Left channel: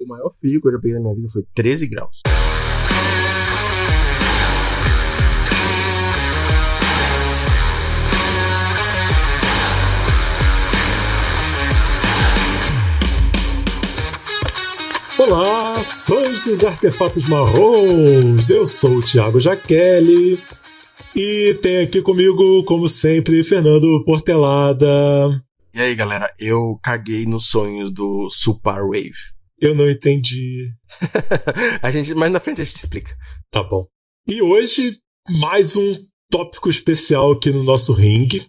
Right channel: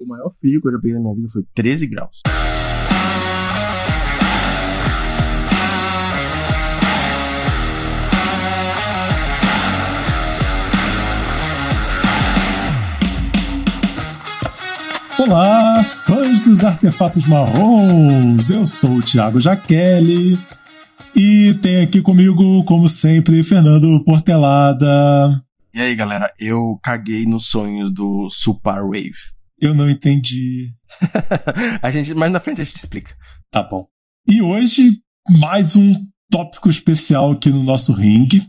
O maior frio que eu já peguei na minha vida foi 13 graus. Olá, fãs dos artefatos marrons! Eu sou o Thiago Jaqueli e tem aqui comigo, como sempre, Fernando Portelada. E aí, galera, eu caguei nos sonhos do Super Wave. Eu não entendi. Mais na frente a gente explica. Tá bom. E hoje, mais um tópico especial aqui no nosso ringue.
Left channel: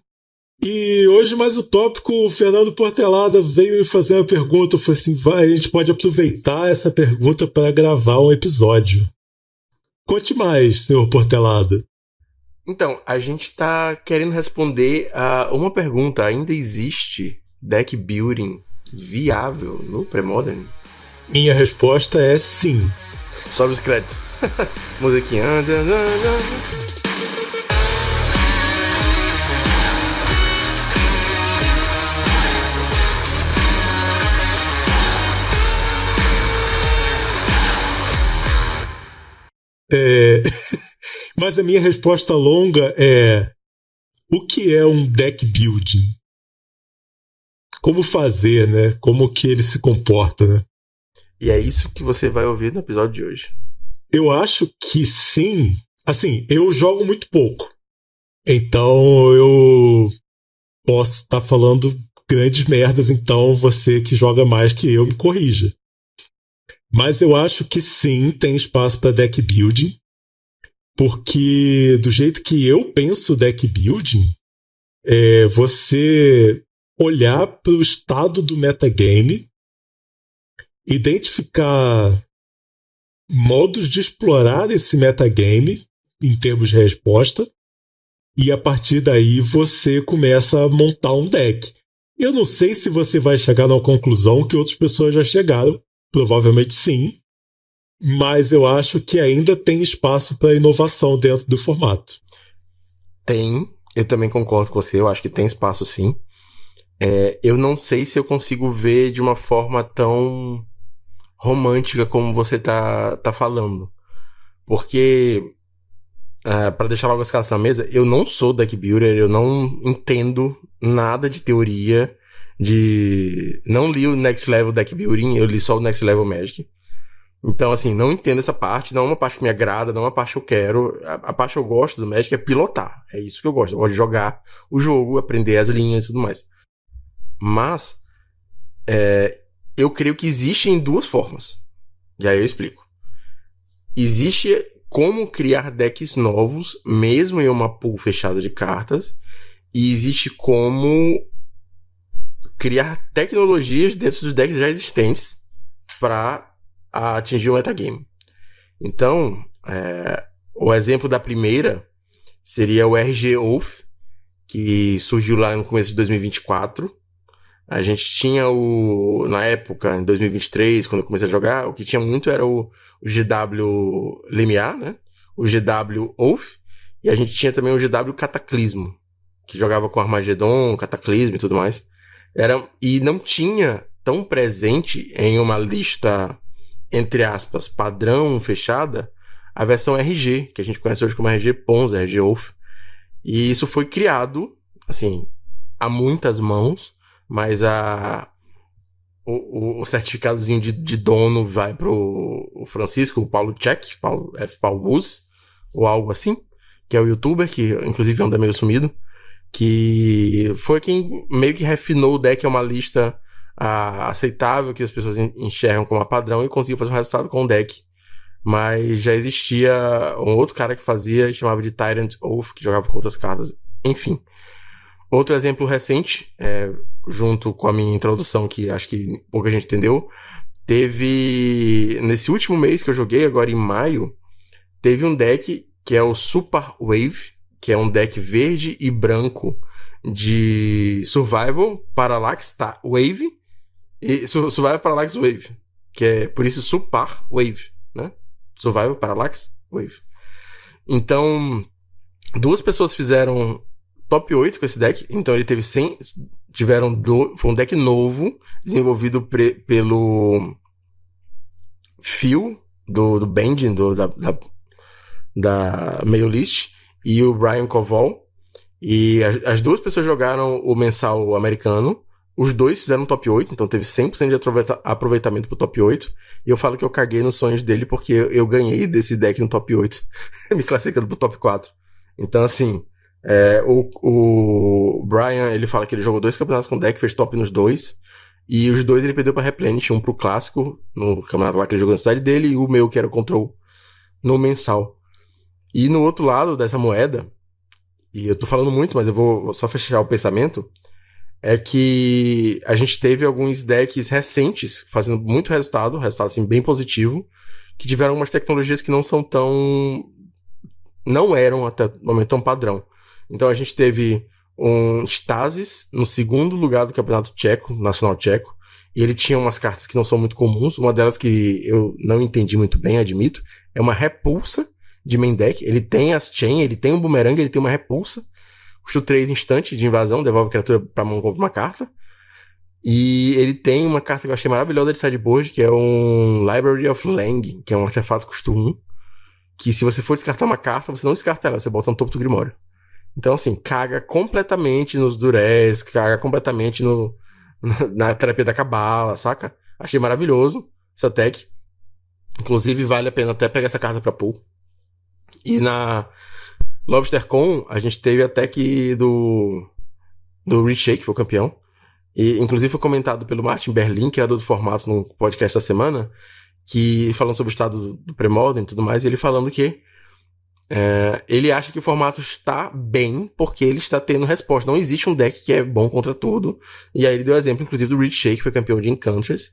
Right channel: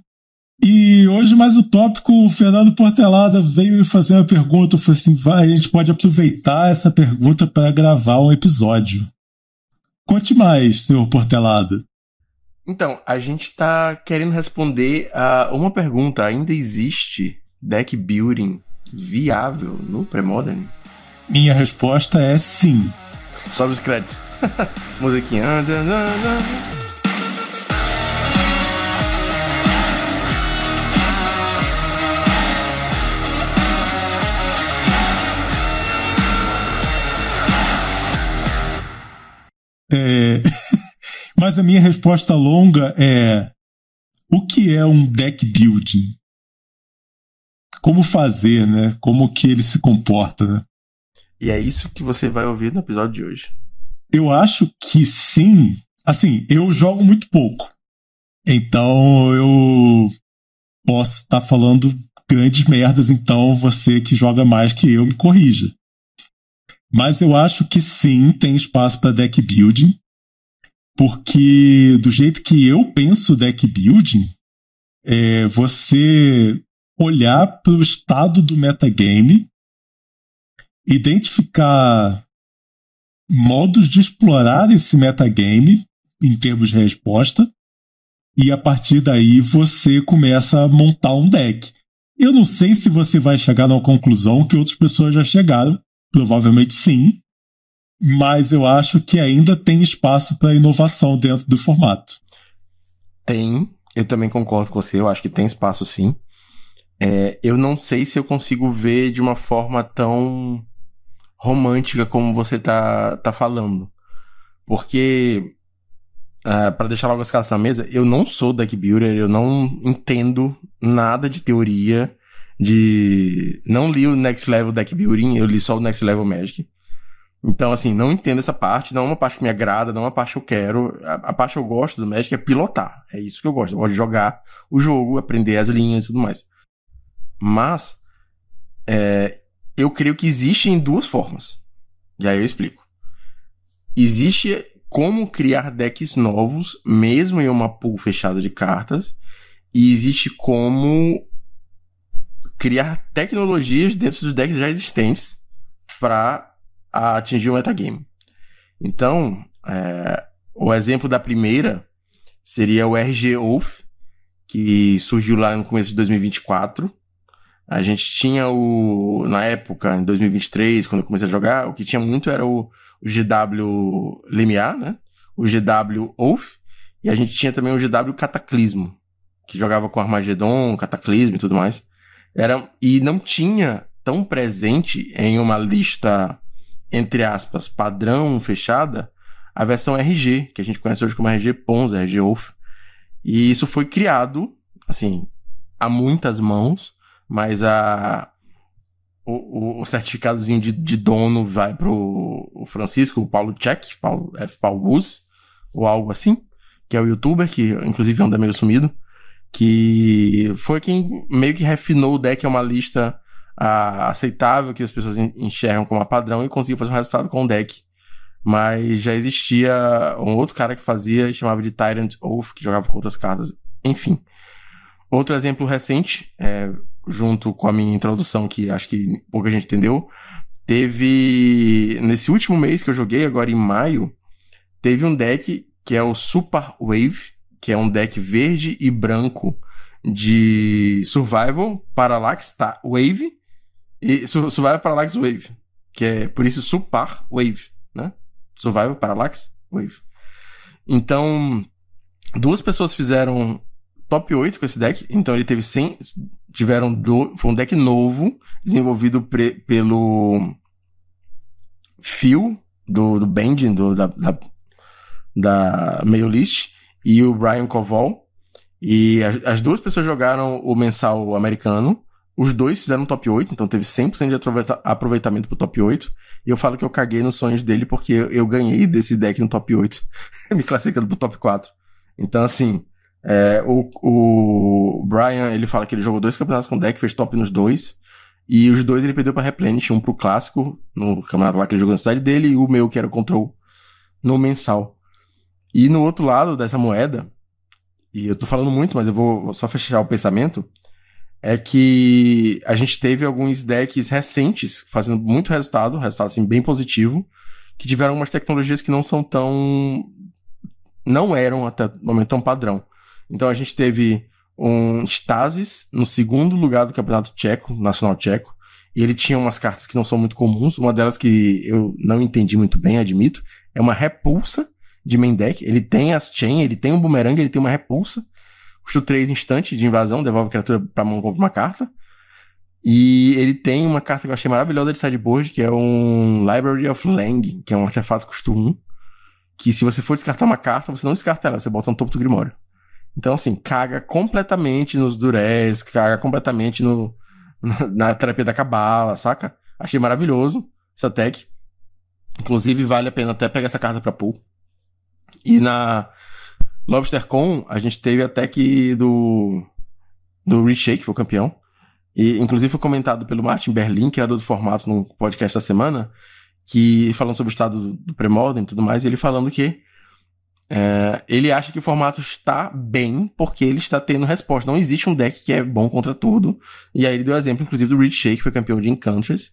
E hoje, mais um tópico, o Fernando Portelada veio me fazer uma pergunta. Eu falei assim, a gente pode aproveitar essa pergunta para gravar um episódio. Conte mais, senhor Portelada. Então, a gente tá querendo responder a uma pergunta. Ainda existe deck building viável no Premodern? Minha resposta é sim. Sobe os créditos. Musiquinha. Mas a minha resposta longa é: o que é um deck building? Como fazer, né? Como que ele se comporta, né? E é isso que você vai ouvir no episódio de hoje. Eu acho que sim. Assim, eu jogo muito pouco. Então eu posso estar falando grandes merdas, então você que joga mais que eu me corrija. Mas eu acho que sim, tem espaço para deck building. Porque do jeito que eu penso deck building, é você olhar para o estado do metagame, identificar modos de explorar esse metagame em termos de resposta, e a partir daí você começa a montar um deck. Eu não sei se você vai chegar numa conclusão que outras pessoas já chegaram, provavelmente sim, mas eu acho que ainda tem espaço para inovação dentro do formato. Tem, eu também concordo com você, eu acho que tem espaço sim. Eu não sei se eu consigo ver de uma forma tão romântica como você tá falando. Porque, para deixar logo as cartas na mesa, eu não sou deck builder, eu não entendo nada de teoria, não li o Next Level Deck Building, eu li só o Next Level Magic. Então, assim, não entendo essa parte, não é uma parte que me agrada, não é uma parte que eu quero. A parte que eu gosto do Magic é pilotar, é isso que eu gosto. Eu gosto de jogar o jogo, aprender as linhas e tudo mais. Mas, eu creio que existem duas formas. E aí eu explico. Existe como criar decks novos, mesmo em uma pool fechada de cartas, e existe como criar tecnologias dentro dos decks já existentes para atingir o metagame. Então, o exemplo da primeira seria o RG Wolf, que surgiu lá no começo de 2024. A gente tinha na época, em 2023, quando eu comecei a jogar, o que tinha muito era o GW Lemiar, né? O GW Wolf, e a gente tinha também o GW Cataclismo, que jogava com Armagedon, Cataclismo e tudo mais. E não tinha tão presente em uma lista, entre aspas, padrão fechada, a versão RG, que a gente conhece hoje como RG Ponza, RG Wolf. E isso foi criado, assim, a muitas mãos, mas o certificadozinho de dono vai pro Francisco, o Paulo Check, Paulo Bus, ou algo assim, que é o youtuber, que inclusive anda meio sumido, que foi quem meio que refinou o deck a uma lista aceitável, que as pessoas enxergam como padrão, e conseguiu fazer um resultado com o deck. Mas já existia um outro cara que fazia, chamava de Tyrant Oath, que jogava com outras cartas. Enfim. Outro exemplo recente, junto com a minha introdução, que acho que pouca gente entendeu, nesse último mês que eu joguei, agora em maio, teve um deck que é o Super Wave, que é um deck verde e branco de Survival, Parallax, Wave, e Survival, Parallax, Wave, que é por isso Super Wave, né? Survival, Parallax, Wave. Então, duas pessoas fizeram top 8 com esse deck, então ele teve 100, foi um deck novo, desenvolvido pelo Phil, do Bending, da Mail List, e o Brian Koval. E as duas pessoas jogaram o mensal americano. Os dois fizeram top 8, então teve 100% de aproveitamento pro top 8. E eu falo que eu caguei nos sonhos dele porque eu ganhei desse deck no top 8, me classificando pro top 4. Então, assim, o Brian, ele fala que ele jogou 2 campeonatos com o deck, fez top nos 2. E os 2 ele perdeu pra Replenish, um pro clássico, no campeonato lá que ele jogou na cidade dele, e o meu, que era o Control, no mensal. E no outro lado dessa moeda, e eu tô falando muito, mas eu vou só fechar o pensamento, é que a gente teve alguns decks recentes fazendo muito resultado assim bem positivo, que tiveram umas tecnologias que não eram até o momento tão padrão. Então a gente teve um Stasis no segundo lugar do campeonato tcheco, nacional tcheco, e ele tinha umas cartas que não são muito comuns, uma delas que eu não entendi muito bem, admito, é uma repulsa de main deck. Ele tem as chain, ele tem um boomerang, ele tem uma repulsa, custa 3 instante de invasão, devolve a criatura pra mão, compra uma carta. E ele tem uma carta que eu achei maravilhosa de sideboard, que é um Library of Lang, que é um artefato custo 1, que se você for descartar uma carta, você não descarta ela, você bota no topo do Grimório. Então, assim, caga completamente nos Durez, caga completamente na terapia da Cabala, saca? Achei maravilhoso essa tech. Inclusive, vale a pena até pegar essa carta pra pool. E na LobsterCon, a gente teve a tech do Reshake, que foi o campeão. E, inclusive, foi comentado pelo Martin Berlin, criador do formato, no podcast da semana, que falando sobre o estado do pré-modern e tudo mais, e ele falando que ele acha que o formato está bem porque ele está tendo resposta. Não existe um deck que é bom contra tudo. E aí ele deu exemplo, inclusive, do Reed Shake, que foi campeão de Enchantress,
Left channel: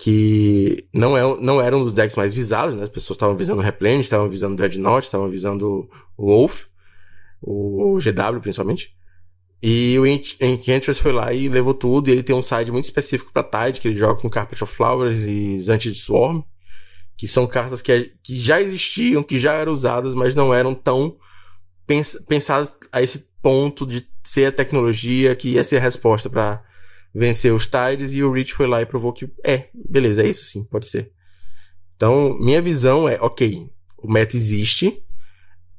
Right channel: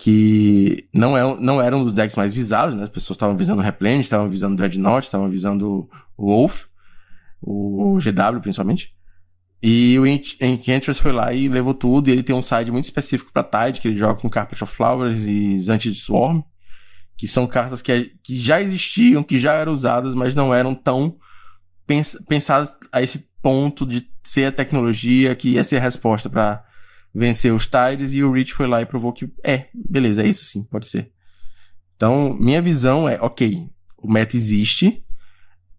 que não era um dos decks mais visados, né? As pessoas estavam visando o Replenish, estavam visando o Dreadnought, estavam visando o Wolf, o GW principalmente. E o Enchantress foi lá e levou tudo, e ele tem um side muito específico pra Tide, que ele joga com Carpet of Flowers e Zantid Swarm, que são cartas que já existiam, que já eram usadas, mas não eram tão pensadas a esse ponto de ser a tecnologia que ia ser a resposta pra vencer os Tides, e o Rich foi lá e provou que beleza, é isso sim, pode ser. Então, minha visão é, ok, o meta existe,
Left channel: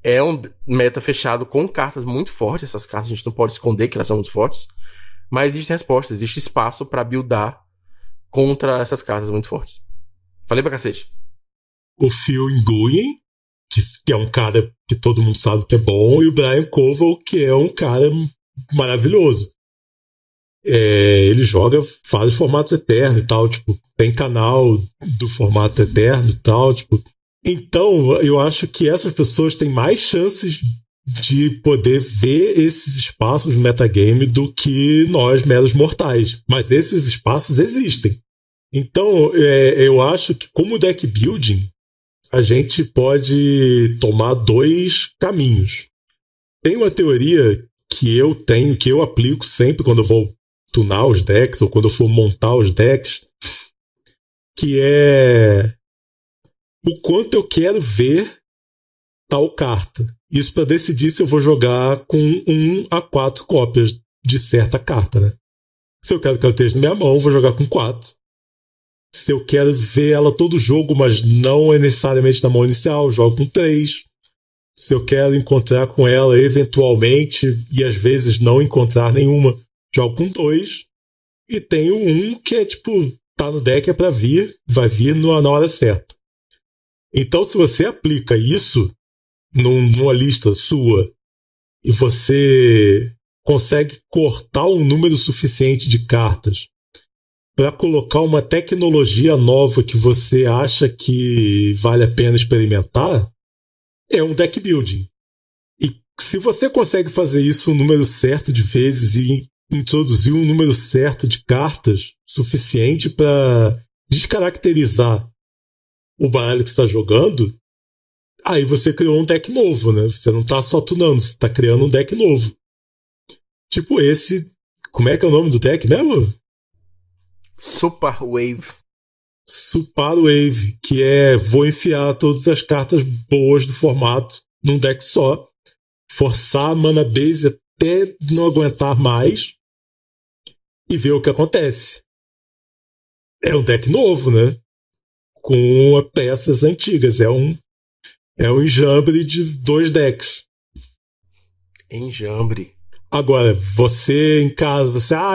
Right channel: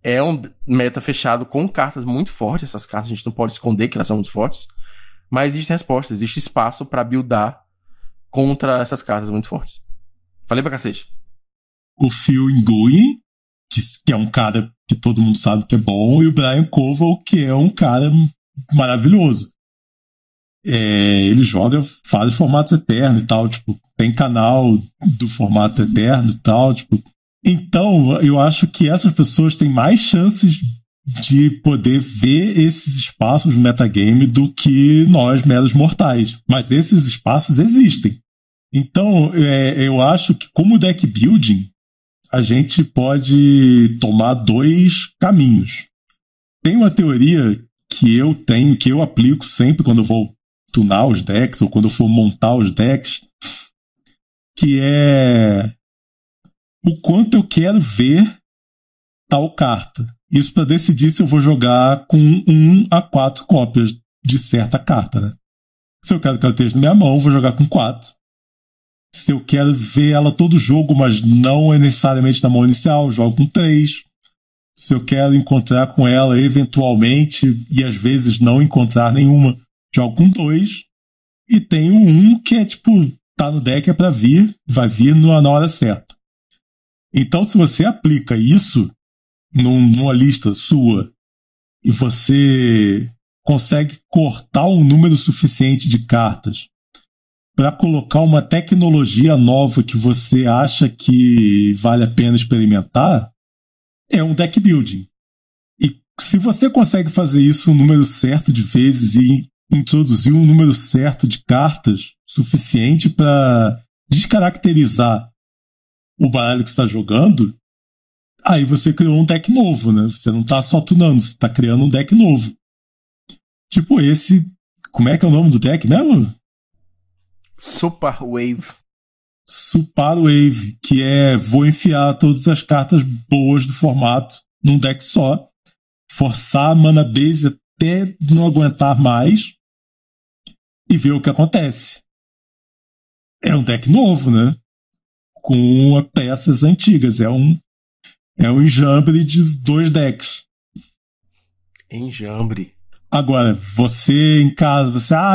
é um meta fechado com cartas muito fortes, essas cartas a gente não pode esconder que elas são muito fortes, mas existe resposta, existe espaço pra buildar contra essas cartas muito fortes. Falei pra cacete. O Phil Nguyen, que é um cara que todo mundo sabe que é bom, e o Brian Koval, que é um cara maravilhoso. Ele joga vários formatos eternos e tal, tipo, tem canal do formato eterno e tal, tipo. Então, eu acho que essas pessoas têm mais chances de poder ver esses espaços no metagame do que nós, meros mortais. Mas esses espaços existem. Então, eu acho que como deck building, a gente pode tomar 2 caminhos. Tem uma teoria que eu tenho, que eu aplico sempre quando eu vou tunar os decks, ou quando eu for montar os decks, que é o quanto eu quero ver tal carta. Isso para decidir se eu vou jogar com 1 a 4 cópias de certa carta, né? Se eu quero que ela esteja na minha mão, eu vou jogar com 4. Se eu quero ver ela todo jogo, mas não é necessariamente na mão inicial, eu jogo com 3. Se eu quero encontrar com ela eventualmente, e às vezes não encontrar nenhuma, jogo com 2. E tenho 1 que é tipo, tá no deck, é pra vir, vai vir na hora certa. Então, se você aplica isso numa lista sua e você consegue cortar um número suficiente de cartas para colocar uma tecnologia nova que você acha que vale a pena experimentar, é um deck building. E se você consegue fazer isso um número certo de vezes e introduzir um número certo de cartas suficiente para descaracterizar o baralho que você está jogando, aí você criou um deck novo, né? Você não está só tunando, você está criando um deck novo. Tipo esse... Como é que é o nome do deck mesmo? Super Wave. Super Wave, que vou enfiar todas as cartas boas do formato num deck só, forçar a mana base até não aguentar mais e ver o que acontece. É um deck novo, né? Com peças antigas. É um enjambre de 2 decks. Enjambre. Agora, você em casa,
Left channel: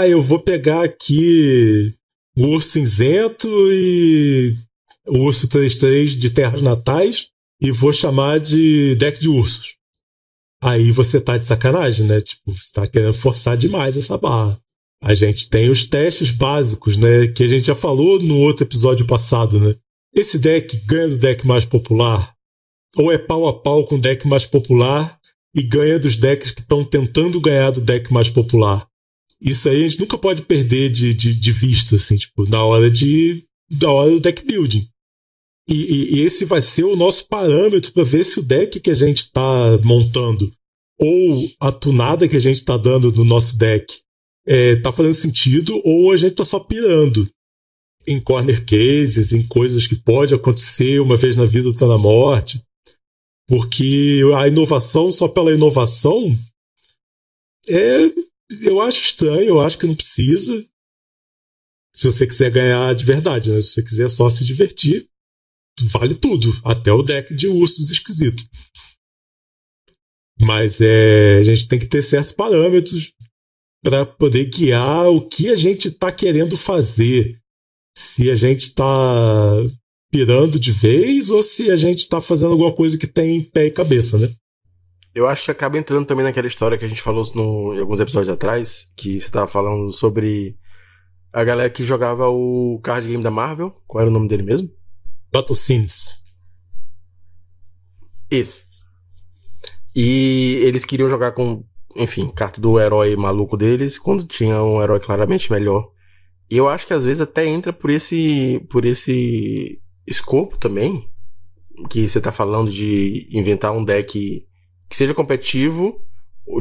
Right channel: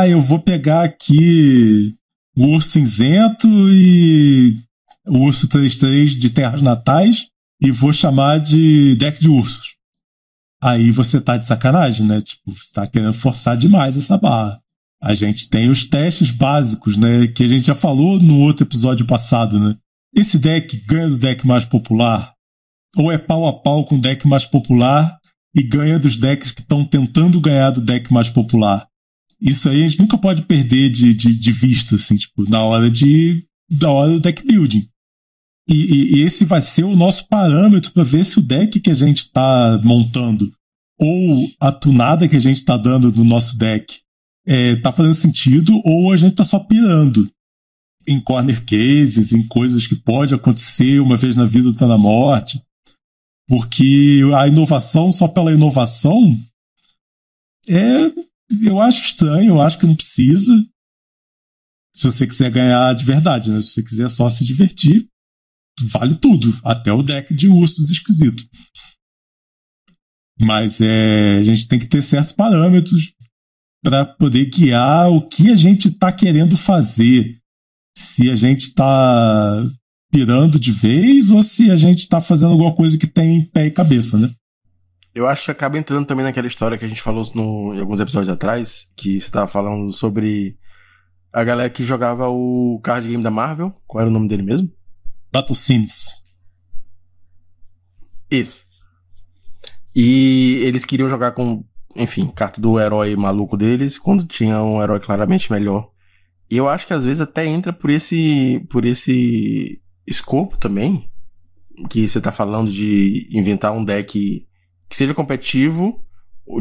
eu vou pegar aqui o Urso Cinzento e o Urso 3/3 de Terras Natais e vou chamar de deck de ursos. Aí você tá de sacanagem, né? Tipo, você tá querendo forçar demais essa barra. A gente tem os testes básicos, né? Que a gente já falou no outro episódio passado, né? Esse deck ganha do deck mais popular? Ou é pau a pau com o deck mais popular e ganha dos decks que estão tentando ganhar do deck mais popular? Isso aí a gente nunca pode perder de vista, assim, tipo, na hora do deck building. E esse vai ser o nosso parâmetro para ver se o deck que a gente está montando ou a tunada que a gente está dando no nosso deck tá fazendo sentido, ou a gente tá só pirando em corner cases, em coisas que pode acontecer uma vez na vida ou tá na morte. Porque a inovação só pela inovação eu acho estranho, eu acho que não precisa. Se você quiser ganhar de verdade, né? Se você quiser só se divertir, vale tudo, até o deck de ursos esquisito. Mas a gente tem que ter certos parâmetros para poder guiar o que a gente está querendo fazer. Se a gente está pirando de vez ou se a gente está fazendo alguma coisa que tem pé e cabeça, né? Eu acho que acaba entrando também naquela história que a gente falou em alguns episódios atrás, que você estava falando sobre a galera que jogava o card game da Marvel. Qual era o nome dele mesmo? Battle Scenes. Isso. E eles queriam jogar com, enfim, carta do herói maluco deles, quando tinha um herói claramente melhor. E eu acho que às vezes até entra por esse escopo também, que você tá falando de inventar um deck que seja competitivo, ou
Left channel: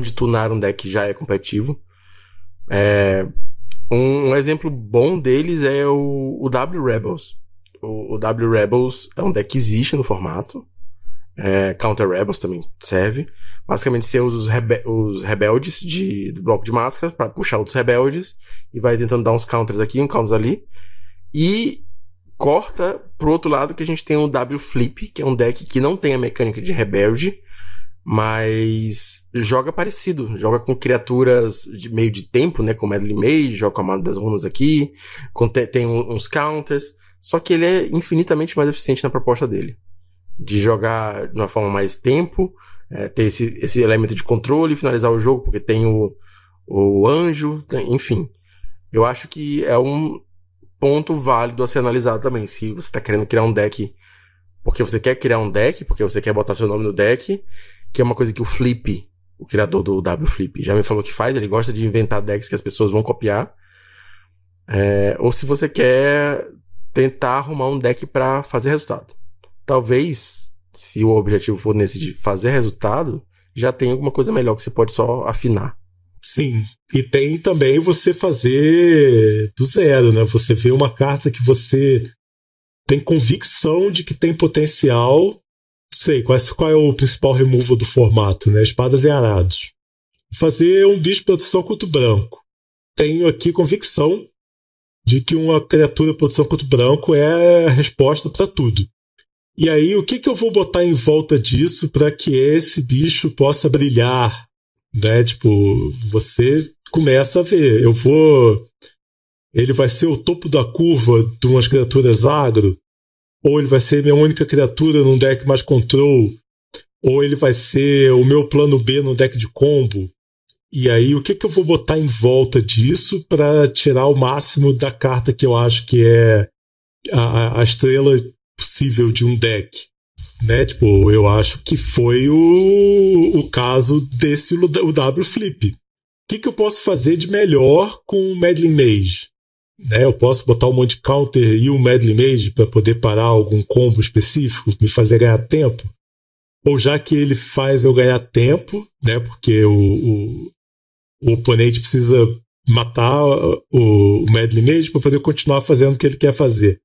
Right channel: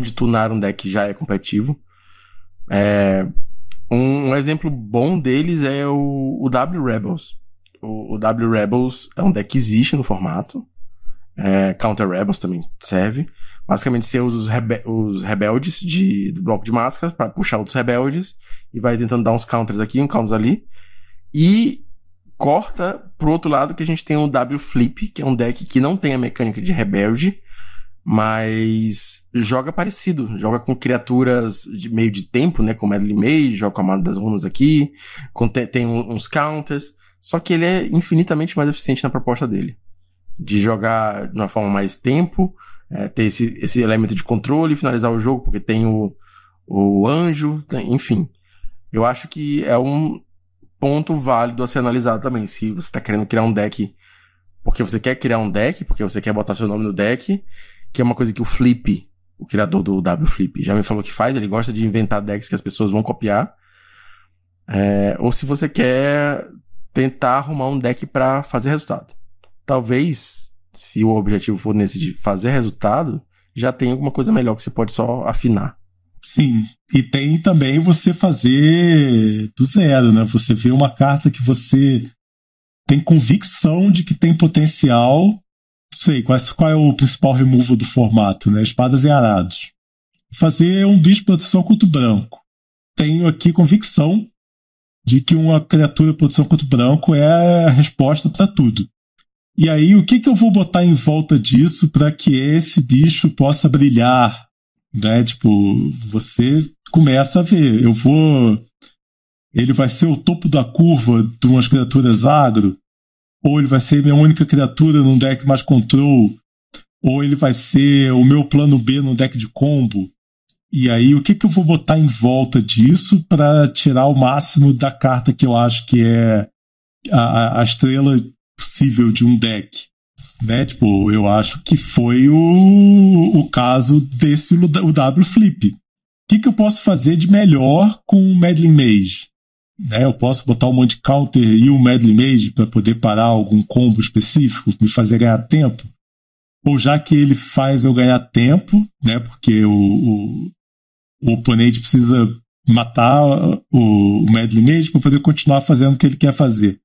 de tunar um deck que já é competitivo. Um exemplo bom deles é o W Rebels. O W Rebels é um deck que existe no formato. Counter Rebels também serve. Basicamente você usa os rebeldes do bloco de máscaras para puxar outros rebeldes e vai tentando dar uns counters aqui, uns counters ali. E corta pro outro lado que a gente tem o W Flip, que é um deck que não tem a mecânica de rebelde, mas joga parecido. Joga com criaturas de meio de tempo, né? Com Medley Mage, joga com a Armada das Runas aqui, tem uns counters. Só que ele é infinitamente mais eficiente na proposta dele. De jogar de uma forma mais tempo, ter esse elemento de controle, finalizar o jogo, porque tem o anjo, enfim. Eu acho que é um ponto válido a ser analisado também. Se você está querendo criar um deck porque você quer criar um deck, porque você quer botar seu nome no deck, que é uma coisa que o Flip, o criador do W Flip, já me falou que faz, ele gosta de inventar decks que as pessoas vão copiar. Ou se você quer tentar arrumar um deck para fazer resultado. Talvez, se o objetivo for nesse de fazer resultado, já tem alguma coisa melhor que você pode só afinar. Sim, e tem também você fazer do zero, né? Você vê uma carta que você tem convicção de que tem potencial. Não sei, qual é o principal removal do formato, né? Espadas e arados. Fazer um bicho de proteção contra o branco. Tenho aqui convicção de que uma criatura de proteção contra o branco é a resposta para tudo. E aí, o que eu vou botar em volta disso para que esse bicho possa brilhar? Né? Tipo, você começa a ver. Ele vai ser o topo da curva de umas criaturas agro? Ou ele vai ser minha única criatura num deck mais control? Ou ele vai ser o meu plano B num deck de combo? E aí, o que eu vou botar em volta disso para tirar o máximo da carta que eu acho que é a estrela possível de um deck? Né? Tipo, eu acho que foi o caso desse o W Flip. O que eu posso fazer de melhor com o Medley Mage? Né? Eu posso botar um monte de counter e o Medley Mage para poder parar algum combo específico, me fazer ganhar tempo? Ou já que ele faz eu ganhar tempo, né? Porque o oponente precisa matar o Medley Mage para poder continuar fazendo o que ele quer fazer.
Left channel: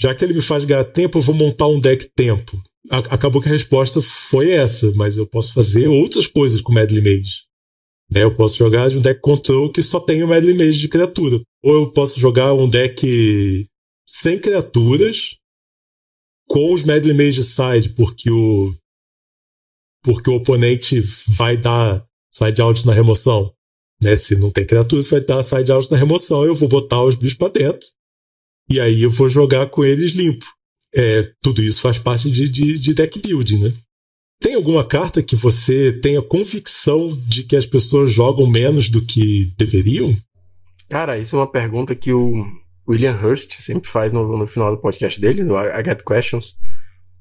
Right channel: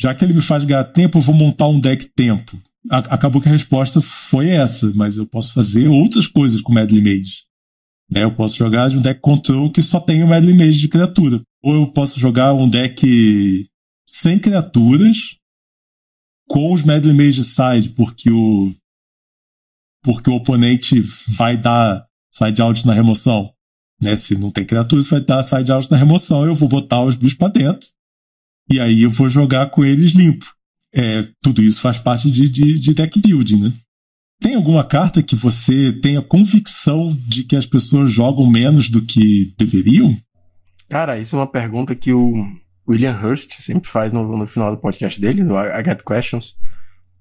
Já que ele me faz ganhar tempo, eu vou montar um deck tempo. Acabou que a resposta foi essa, mas eu posso fazer outras coisas com o Medley Mage. Eu posso jogar de um deck control que só tem um Medley Mage de criatura. Ou eu posso jogar um deck sem criaturas com os Medley Mage side, porque o oponente vai dar side out na remoção. Né? Se não tem criaturas, vai dar side out na remoção. Eu vou botar os bichos pra dentro. E aí eu vou jogar com eles limpo. Tudo isso faz parte de deck building, né? Tem alguma carta que você tenha convicção de que as pessoas jogam menos do que deveriam? Cara, isso é uma pergunta que o William Hurst sempre faz no final do podcast dele, no I Get Questions.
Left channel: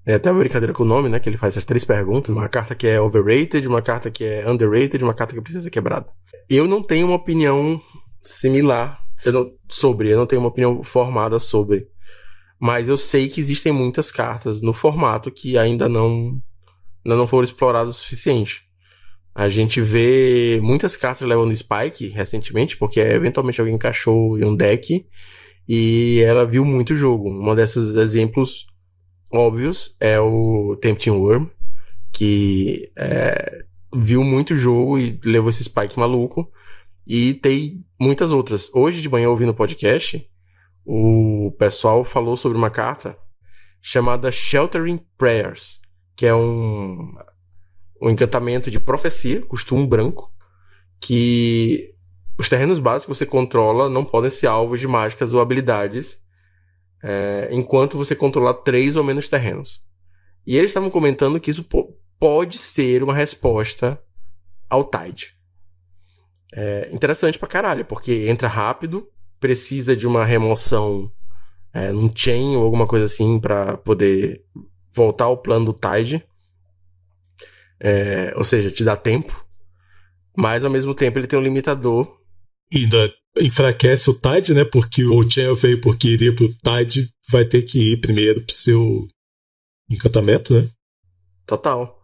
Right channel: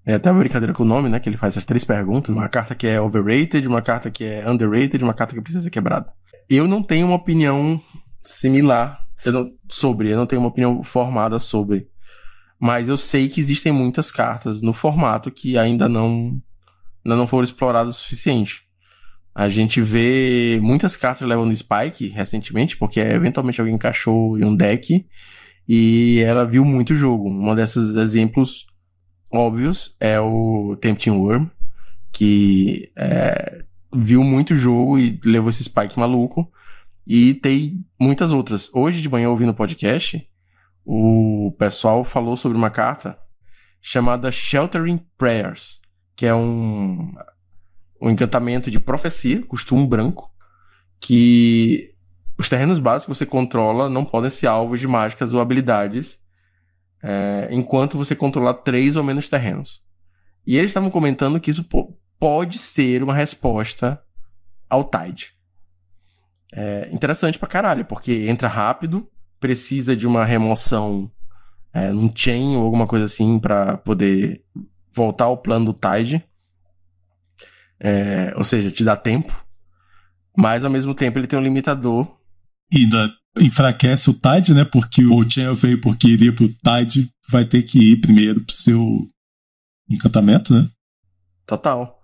É até uma brincadeira com o nome, né? Que ele faz essas 3 perguntas. Uma carta que é overrated, uma carta que é underrated e uma carta que precisa ser quebrada. Eu não tenho uma opinião similar eu não tenho uma opinião formada sobre. Mas eu sei que existem muitas cartas no formato que ainda não foram exploradas o suficiente. A gente vê muitas cartas levando Spike recentemente, porque eventualmente alguém encaixou em um deck e ela viu muito jogo. Um desses exemplos óbvios é o Tempting Worm, que viu muito jogo e levou esse Spike maluco. E tem muitas outras. Hoje de manhã, ouvindo o podcast, o pessoal falou sobre uma carta chamada Sheltering Prayers, que é um encantamento de profecia, custa 1 branco, que os terrenos básicos que você controla não podem ser alvos de mágicas ou habilidades enquanto você controlar 3 ou menos terrenos. E eles estavam comentando que isso pode ser uma resposta ao Tide. Interessante pra caralho, porque entra rápido, precisa de uma remoção num chain ou alguma coisa assim pra poder voltar ao plano do Tide. Ou seja, te dá tempo, mas ao mesmo tempo ele tem um limitador. E ainda enfraquece o Tide, né? Porque o Chain of Vapor que iria pro Tide vai ter que ir primeiro pro seu encantamento, né? Total.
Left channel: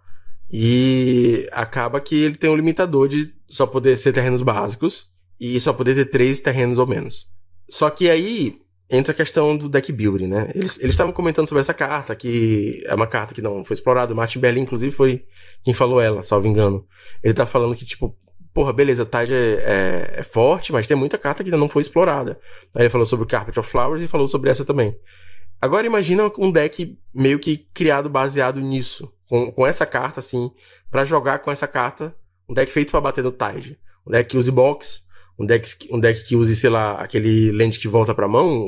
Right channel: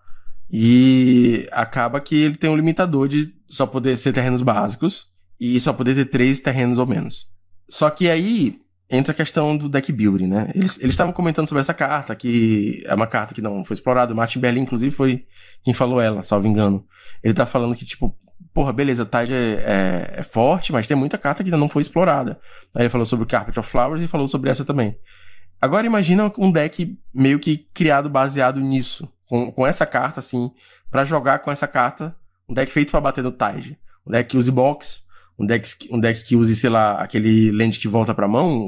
E acaba que ele tem um limitador de só poder ser terrenos básicos e só poder ter 3 terrenos ou menos. Só que aí entra a questão do deck building, né? Eles estavam comentando sobre essa carta, que é uma carta que não foi explorada. O Martin Berlin, inclusive, foi quem falou ela, salvo engano. Ele tá falando que, tipo, porra, beleza, Tide é forte, mas tem muita carta que ainda não foi explorada. Aí ele falou sobre o Carpet of Flowers e falou sobre essa também. Agora imagina um deck meio que criado baseado nisso, com essa carta, assim, pra jogar com essa carta, um deck feito pra bater no Tide. Um deck que use box, um deck que use, sei lá, aquele land que volta pra mão,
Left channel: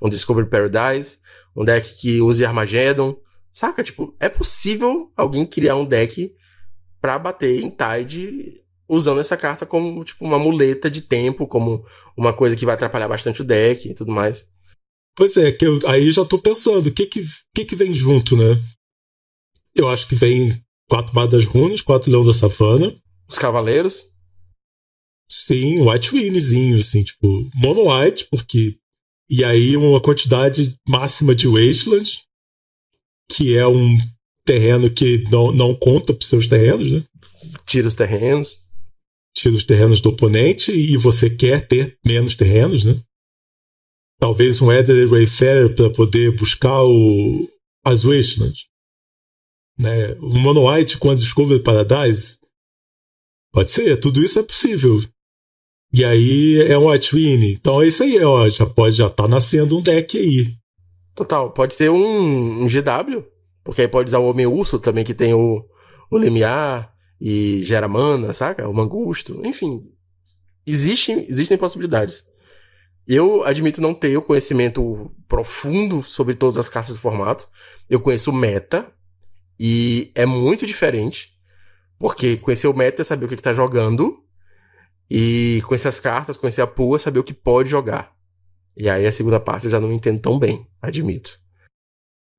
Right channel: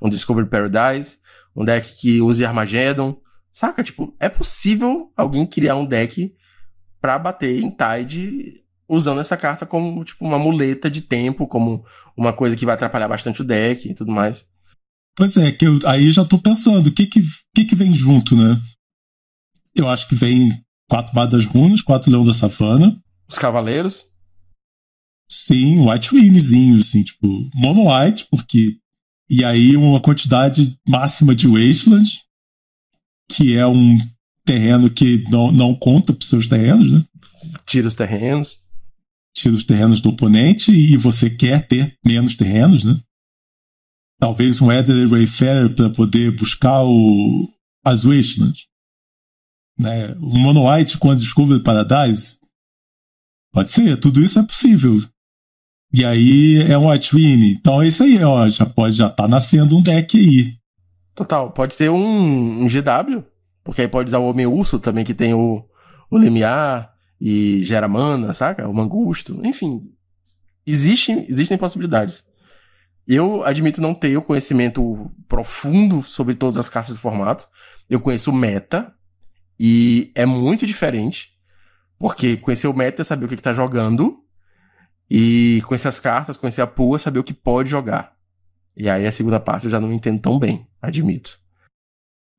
um Discovery Paradise, um deck que use Armageddon. Saca? Tipo, é possível alguém criar um deck pra bater em Tide usando essa carta como, tipo, uma muleta de tempo, como uma coisa que vai atrapalhar bastante o deck e tudo mais. Pois é, que aí já tô pensando, o que vem junto, né? Eu acho que vem 4 Bardas das Runas, 4 Leão da Savana. Os Cavaleiros. Sim, White Winniezinho, assim, tipo, Mono White, porque... E aí uma quantidade máxima de Wasteland, que é um terreno que não conta pros seus terrenos, né? Tira os terrenos. Tira os terrenos do oponente e você quer ter menos terrenos, né? Talvez um Elderly Wayfarer para poder buscar as Wastelands. Né? O Mono White com a Discovery Paradise. Pode ser, tudo isso é possível. E aí é um White Winnie. Então é isso aí, ó. Já tá nascendo um deck aí. Total, pode ser um GW, porque aí pode usar o Homem Urso também, que tem o Lemiar e gera mana, saca? O Mangusto, enfim. Existem possibilidades. Eu admito não ter o conhecimento profundo sobre todas as cartas do formato. Eu conheço o meta e é muito diferente, porque conhecer o meta é saber o que tá jogando e conhecer as cartas, conhecer a pool é saber o que pode jogar. E aí a segunda parte eu já não entendo tão bem, admito.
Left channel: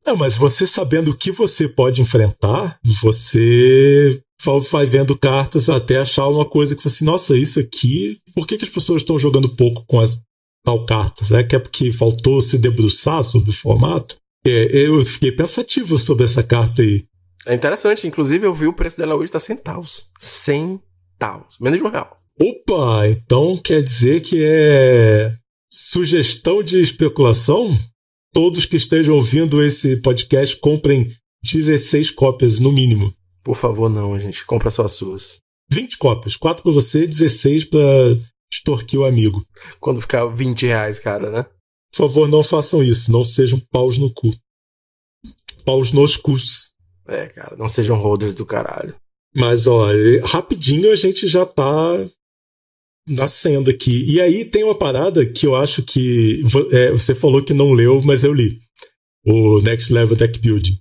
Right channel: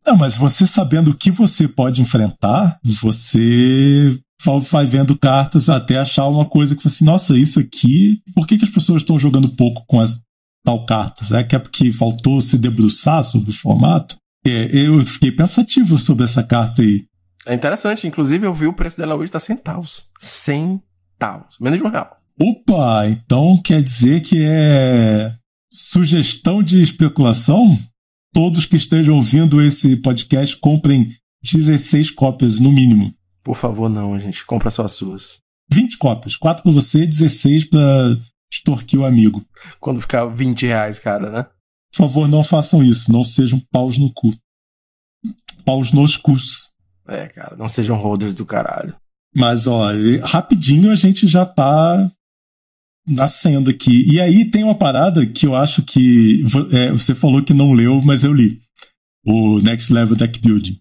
Não, mas você sabendo o que você pode enfrentar, você vai vendo cartas até achar uma coisa que você assim, nossa, isso aqui, por que as pessoas estão jogando pouco com as tal cartas? É que é porque faltou se debruçar sobre o formato? Eu fiquei pensativo sobre essa carta aí. É interessante, inclusive eu vi o preço dela hoje tá centavos. Centavos, menos de R$1. Opa, então quer dizer que é sugestão de especulação? Todos que estejam ouvindo esse podcast comprem 16 cópias no mínimo. Por favor, não, gente. Compra só as suas. 20 cópias. 4 pra você, 16 pra extorquir o amigo. Quando ficar R$20, cara, né? Por favor, não façam isso. Não sejam paus no cu. Paus nos cus. Cara, não sejam holders do caralho. Mas, ó, rapidinho a gente já tá nascendo aqui. E aí tem uma parada que eu acho que... você falou que não leu, mas eu li. O Next Level Deck Building.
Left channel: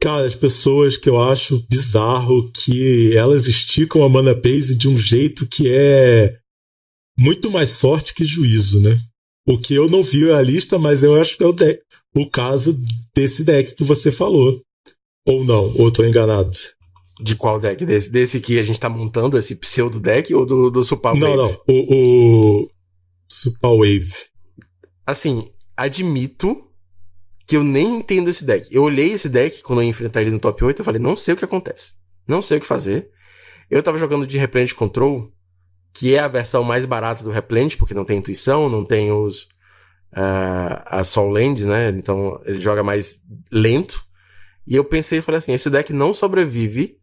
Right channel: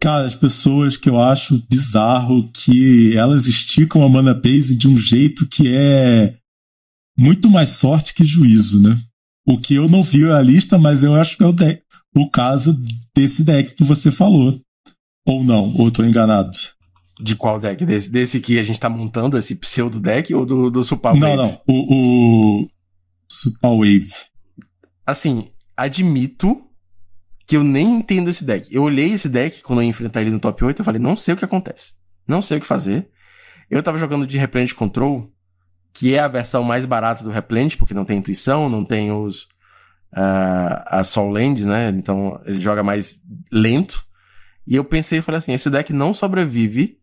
Cara, as pessoas que eu acho bizarro que elas esticam a mana base de um jeito que é muito mais sorte que juízo, né? O que eu não vi a lista, mas eu acho que é o caso desse deck que você falou. Ou não, ou tô enganado. De qual deck? Desse que a gente tá montando, esse pseudo deck, ou do Super Wave? Não. O Super Wave. Assim, admito que eu nem entendo esse deck. Eu olhei esse deck quando eu ia enfrentar ele no top 8, eu falei, não sei o que acontece. Não sei o que fazer. Eu tava jogando de Replenish Control, que é a versão mais barata do Replenish, porque não tem intuição, não tem as Soul Lands, né? Então ele joga mais lento. E eu pensei e falei assim, esse deck não sobrevive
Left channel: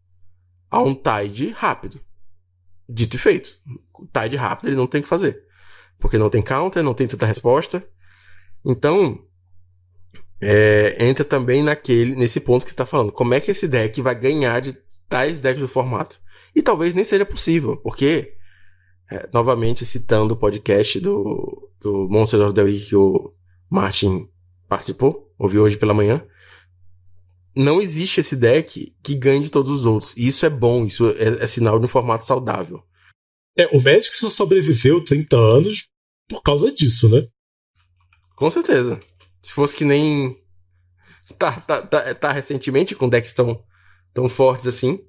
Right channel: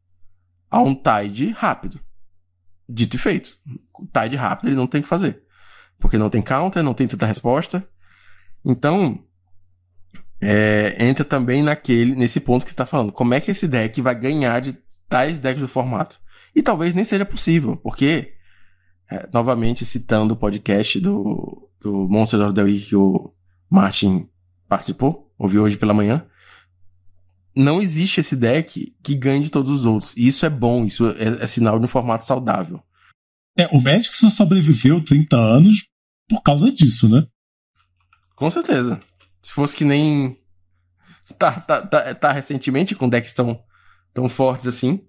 a um Tide rápido. Dito e feito. Tide rápido ele não tem o que fazer. Porque não tem counter, não tem tanta resposta. Então, entra também nesse ponto que você tá falando. Como é que esse deck vai ganhar de tais decks do formato? E talvez nem seja possível, porque, novamente citando o podcast do Monsters of the Week que o Martin participou, ouviu hoje pela manhã, não existe esse deck que ganhe de todos os outros. E isso é bom, isso é sinal de um formato saudável. O Magic só sobreviveu 30 anos por causa disso, né? Com certeza. Se fosse que nem tá recentemente com decks tão fortes assim.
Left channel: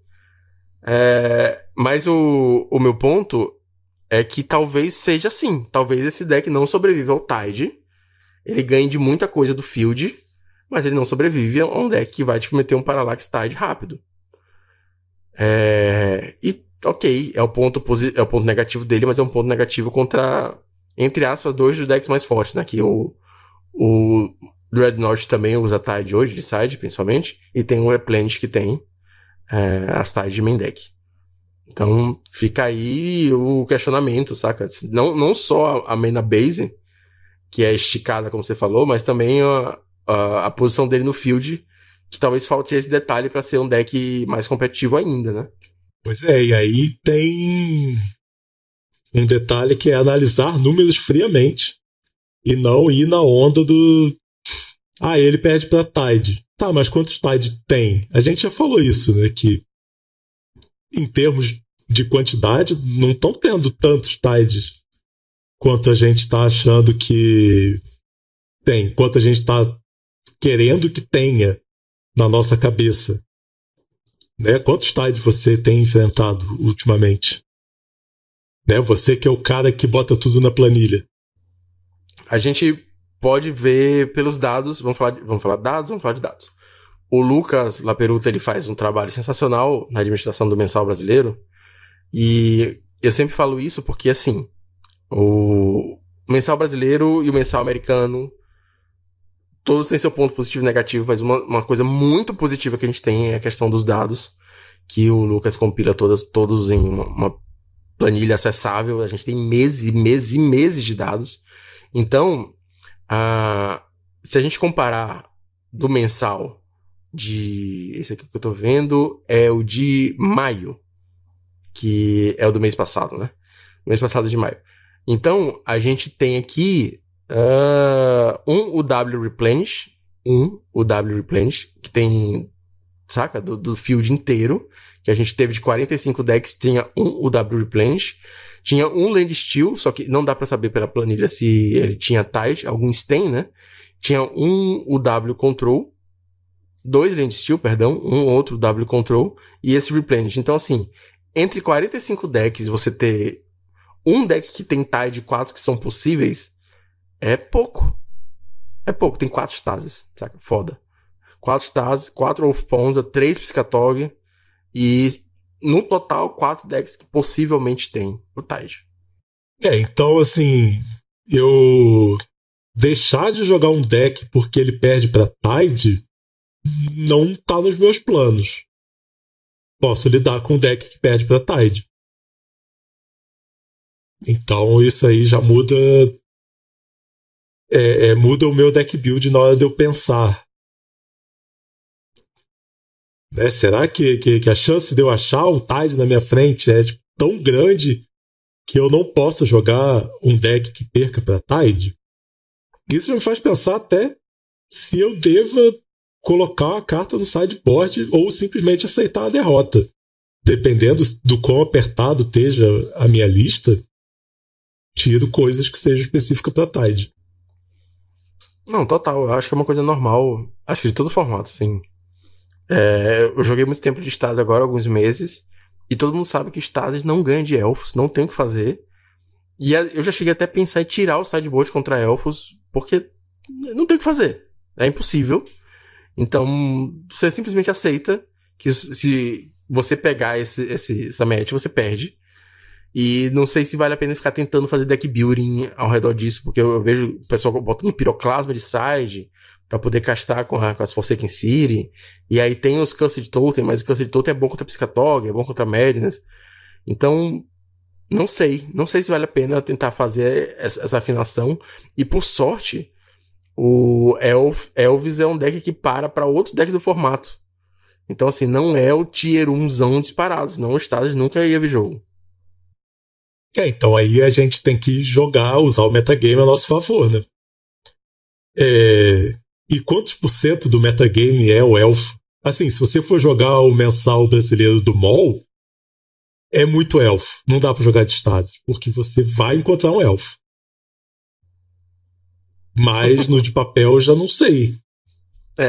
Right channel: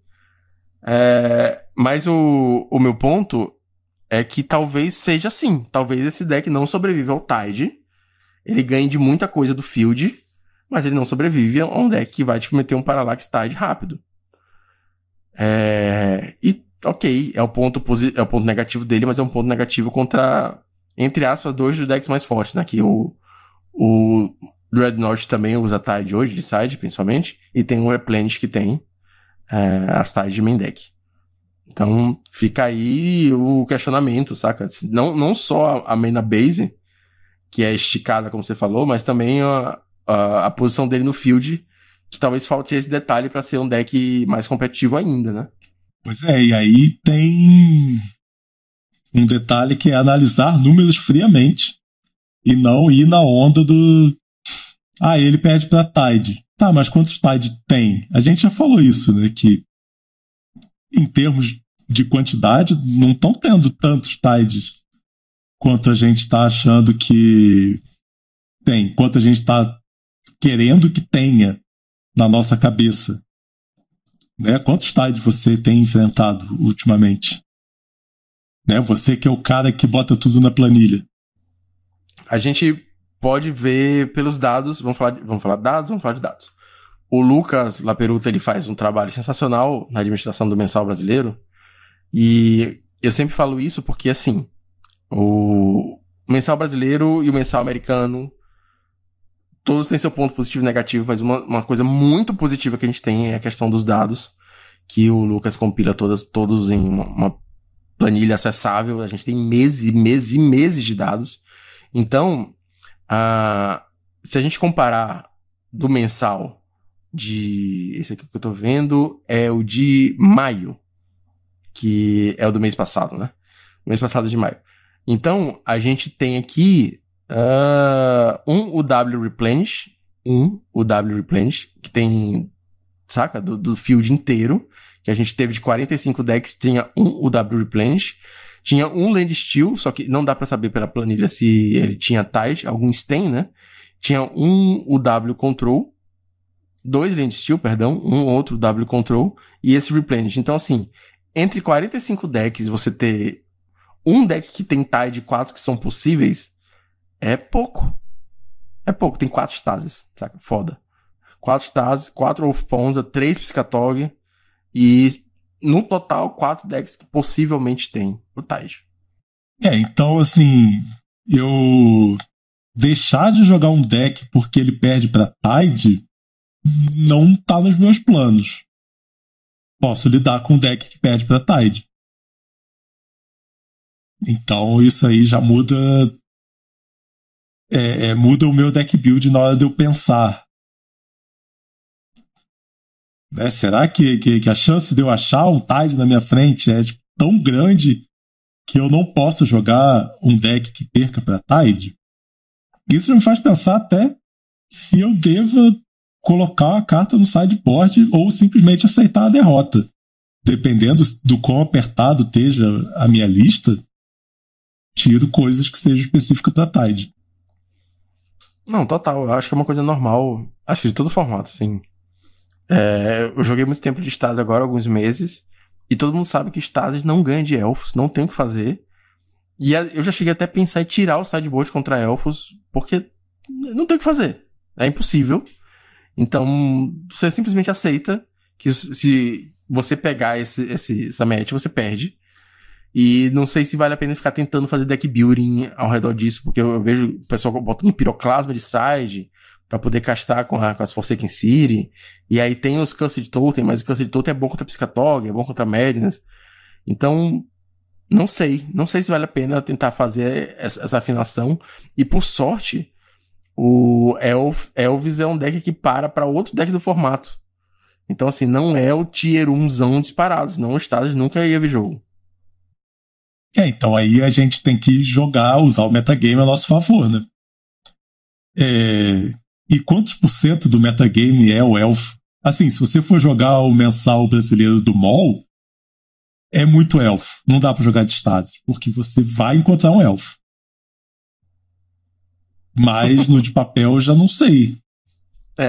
Mas o meu ponto é que talvez seja assim. Talvez esse deck não sobreviva ao Tide. Ele ganhe de muita coisa do field, mas ele não sobrevive a um deck que vai te meter um Parallax Tide rápido. E, ok, é o ponto negativo dele, mas é um ponto negativo contra, entre aspas, 2 dos decks mais fortes, né? Que o Dreadnought também usa Tide hoje, de side, principalmente, e tem um Replenish que tem as Tide de main deck. Então, fica aí o questionamento, saca? Não só a mana base, que é esticada, como você falou, mas também a posição dele no field, que talvez falte esse detalhe para ser um deck mais competitivo ainda, né? Pois e aí tem um detalhe que é analisar números friamente e não ir na onda do ele perde pra Tide. Tá, mas quantos Tide tem? A gente já falou isso, né? Que em termos de quantidade, não estão tendo tantos Tides quanto a gente tá achando que tem, quanto a gente tá querendo que tenha na nossa cabeça. Né? Quantos Tides você tem enfrentado ultimamente? Né? Você que é o cara que bota tudo na planilha. A gente pode ver pelos dados, vamos falar de dados. O Lucas Laperuta, ele faz um trabalho sensacional na administração do Mensal Brasileiro, e eu sempre falo isso porque, assim, o Mensal Brasileiro e o Mensal Americano, todos têm seu ponto positivo e negativo, mas uma coisa muito positiva que a gente tem é a questão dos dados, que o Lucas compila todos em uma planilha acessável. A gente tem meses e meses e meses de dados. Então, se a gente comparar do mensal esse aqui que eu tô vendo é o de maio, que é o do mês passado, né? O mês passado de maio. Então, a gente tem aqui um UW Replenish, que tem, saca? Do field inteiro, que a gente teve de 45 decks, tinha um UW Replenish, tinha um Land Steel, só que não dá pra saber pela planilha se ele tinha Tide, alguns tem, né? Tinha um UW Control, 2 Land Steel, perdão, um outro W Control, e esse Replenish. Então, assim, entre 45 decks, você ter um deck que tem Tide 4 que são possíveis, é pouco. É pouco, tem 4 Stasis, saca? Foda. 4 Stasis, 4 Wolf Ponza, 3 Piscatog, e no total 4 decks que possivelmente tem o Tide. Então, assim, eu deixar de jogar um deck porque ele perde pra Tide não tá nos meus planos. Posso lidar com um deck que perde pra Tide. Então isso aí já muda muda o meu deck build na hora de eu pensar. Né? Será que a chance de eu achar um Tide na minha frente é tipo, tão grande que eu não posso jogar um deck que perca para Tide? Isso me faz pensar até se eu deva colocar uma carta no sideboard ou simplesmente aceitar a derrota. Dependendo do quão apertado esteja a minha lista, tiro coisas que sejam específicas para Tide. Não, total. Eu acho que é uma coisa normal. Acho que de todo formato, assim. Eu joguei muito tempo de Stasi agora, alguns meses, e todo mundo sabe que Stasi não ganha de elfos, não tem o que fazer. E eu já cheguei até a pensar em tirar o sideboard contra elfos, porque não tem o que fazer. É impossível. Então, você simplesmente aceita que se você pegar essa match, você perde. E não sei se vale a pena ficar tentando fazer deck building ao redor disso, porque eu vejo o pessoal botando piroclasma de side pra poder castar com as Forsaken City. E aí tem os Cursed Totem, mas o Cursed Totem é bom contra Piscatog, é bom contra Madness. Então, não sei se vale a pena tentar fazer essa afinação. E por sorte, o Elvis é um deck que para outros decks do formato. Então, assim, não é o Tier 1zão disparado, senão o Stasi nunca ia ver jogo. Então aí a gente tem que usar o metagame a nosso favor, né? E quantos % do metagame é o elfo? Assim, se você for jogar o mensal brasileiro do MOL, é muito elfo. Não dá pra jogar de Stasi, porque você vai encontrar um elfo. Mas no de papel eu já não sei.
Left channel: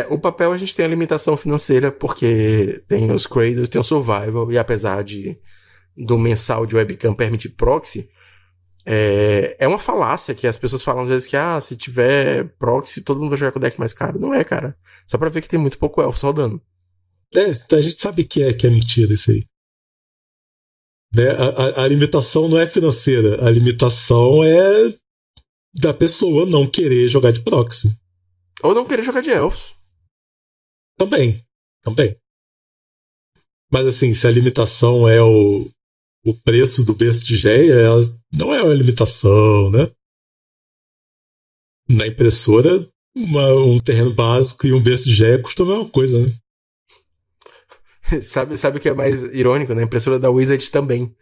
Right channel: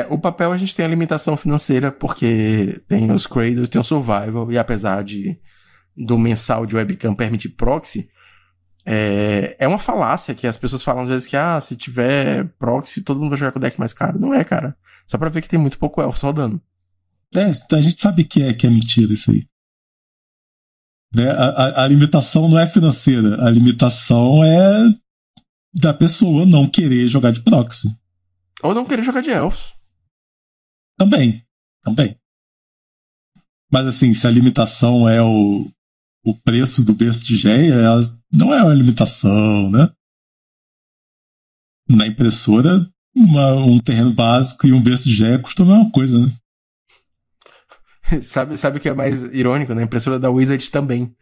O papel a gente tem a limitação financeira, porque tem os Cradles, tem o Survival, e apesar do mensal de webcam permitir proxy, é uma falácia que as pessoas falam às vezes que se tiver proxy, todo mundo vai jogar com o deck mais caro. Não é, cara. Só pra ver que tem muito pouco elfo rodando. A gente sabe que é mentira isso aí. Né? A limitação não é financeira. A limitação é da pessoa não querer jogar de proxy. Ou não querer jogar de elfos. Também. Mas assim, se a limitação é o preço do berço de Geia, ela não é uma limitação, né? Na impressora, um terreno básico e um berço de Geia custam a mesma coisa, né? Sabe o que é mais irônico? Na impressora da Wizard também.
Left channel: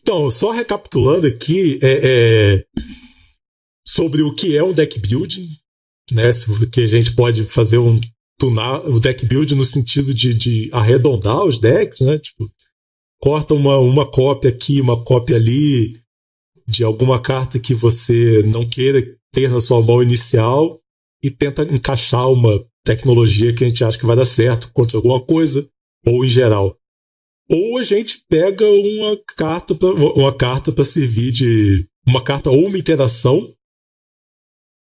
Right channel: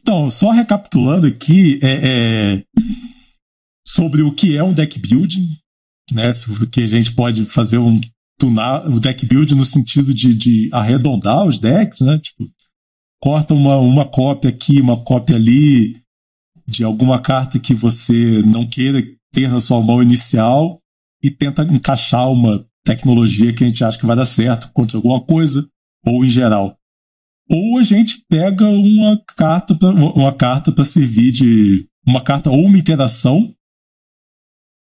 Então, só recapitulando aqui, sobre o que é um deck building, né? Que a gente pode fazer tunar o deck build no sentido de arredondar os decks, né? Tipo, corta uma cópia aqui, uma cópia ali de alguma carta que você não queira ter na sua mão inicial e tenta encaixar uma tecnologia que a gente acha que vai dar certo contra alguma coisa, ou em geral. Ou a gente pega uma carta para servir de uma carta ou uma interação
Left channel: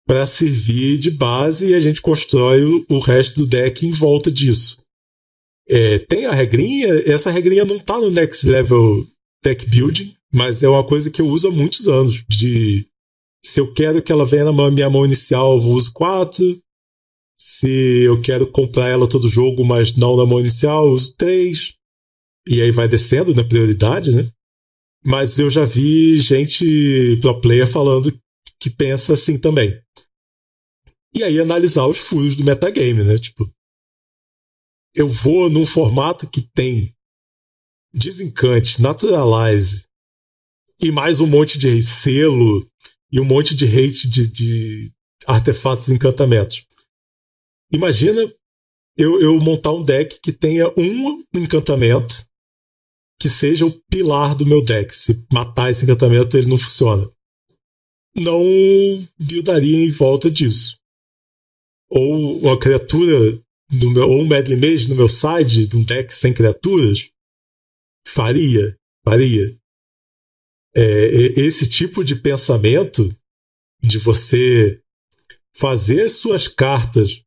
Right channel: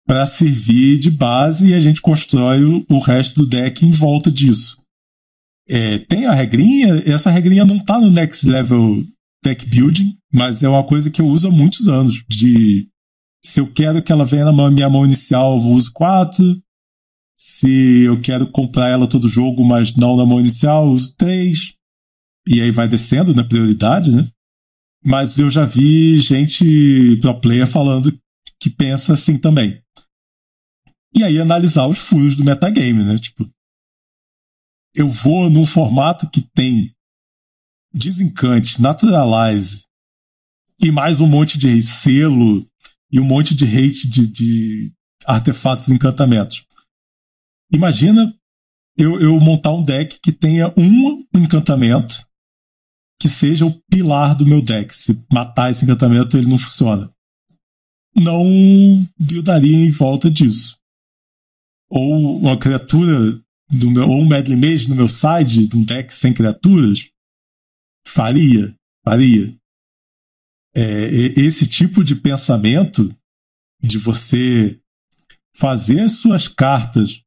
para servir de base e a gente constrói o resto do deck em volta disso. Tem a regrinha, essa regrinha não tá no Next Level Deck Building, mas é uma coisa que eu uso há muitos anos. Se eu quero que ela venha na minha mão inicial, eu uso 4. Se eu quero comprar ela todo jogo, mas não na mão inicial, eu uso 3. E aí vai descendo na prioridade, né? Mas eu já vi gente pro player falando que pensa assim também. E aí analisar os furos do metagame, né? Tipo, eu vou num formato que tem Desencante, Naturalize e mais um monte de selo e um monte de hate de artefatos e encantamentos. Imagina eu montar um deck que tenha um encantamento que seja o pilar do meu deck. Se matar esse encantamento, ele não funciona. Não buildaria em volta disso. Ou uma criatura ou um Medley Mage no meu side de um deck sem criaturas, faria. Esse tipo de pensamento de você fazer suas cartas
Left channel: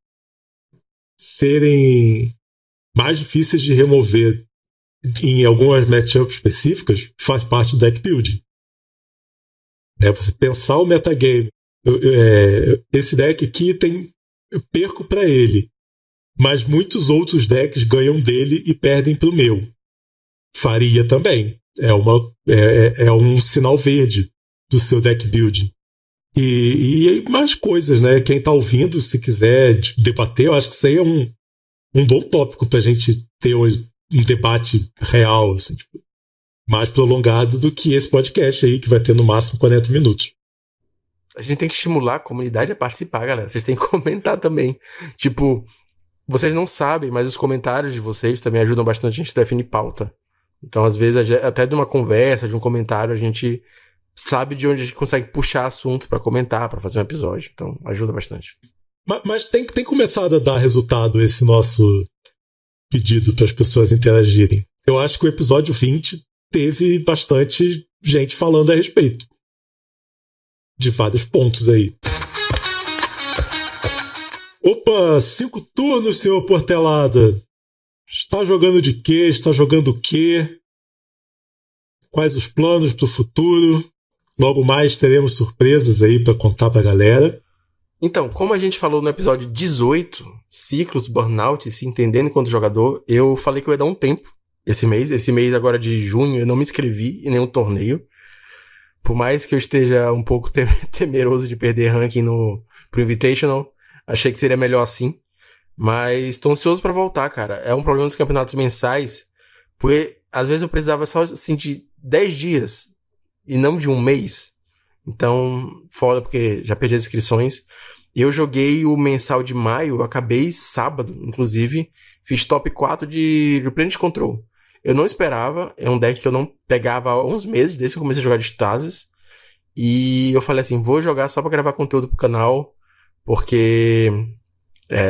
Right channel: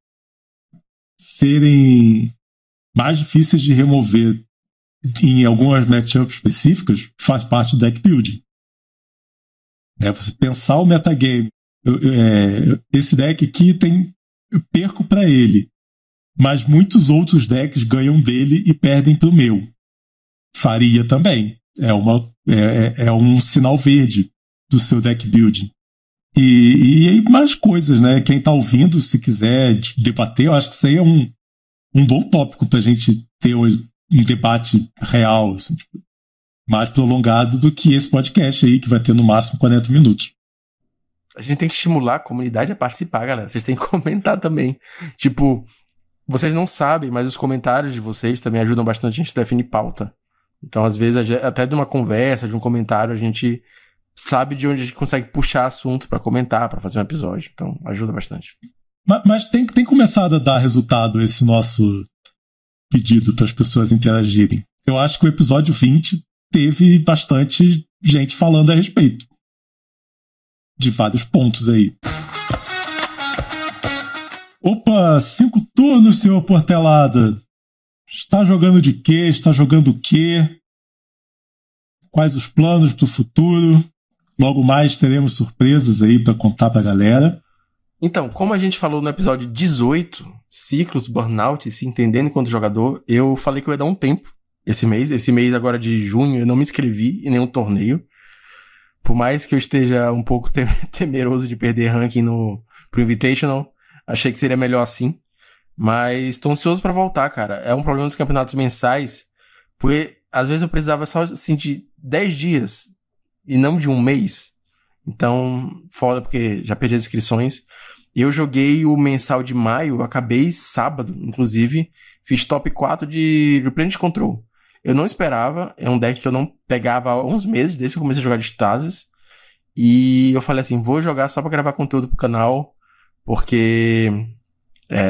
serem mais difíceis de remover em algumas matchups específicas faz parte do deck building. Você pensar o metagame. Esse deck aqui eu perco para ele, mas muitos outros decks ganham dele e perdem pro meu. faria também. É um sinal verde do seu deck building. E mais coisas, né? Quem tá ouvindo, se quiser debater, eu acho que isso aí é um bom tópico pra gente ter um debate real, assim, tipo, mais prolongado do que esse podcast aí, que vai ter no máximo 40 minutos. A gente tem que estimular a comunidade a participar, galera. Vocês têm que comentar também. Tipo, vocês não sabem, mas os comentários de vocês também ajudam bastante a gente a definir pauta. Então, às vezes, até de uma conversa, de um comentário, a gente sabe de onde a gente consegue puxar assunto pra comentar, pra fazer um episódio. Então, ajuda bastante. Mas tem começado a dar resultado esse nosso pedido para as pessoas interagirem. Eu acho que o episódio 20 teve bastante gente falando a respeito de vários pontos aí. Opa, 5 turnos, senhor Portelada. Está jogando de quê? Está jogando o quê? Quais os planos para o futuro? Logo mais teremos surpresas aí para contar para a galera. Então, como a gente falou no episódio 18, ciclos, burnout, se entendendo enquanto jogador, eu falei que eu ia dar um tempo esse mês. Esse mês agora de junho eu não me inscrevi em nenhum torneio. Por mais que eu esteja um pouco temeroso de perder ranking pro Invitational, achei que seria melhor assim. Mas tô ansioso pra voltar, cara. É um problema dos campeonatos mensais, porque às vezes eu precisava só assim, de 10 dias e não de um mês. Então, foda, porque já perdi as inscrições. Eu joguei o mensal de maio, acabei sábado, inclusive. Fiz top 4 de Replenish Control. Eu não esperava, é um deck que eu não pegava há uns meses, desde que eu comecei a jogar de Stasis. E eu falei assim, vou jogar só pra gravar conteúdo pro canal, porque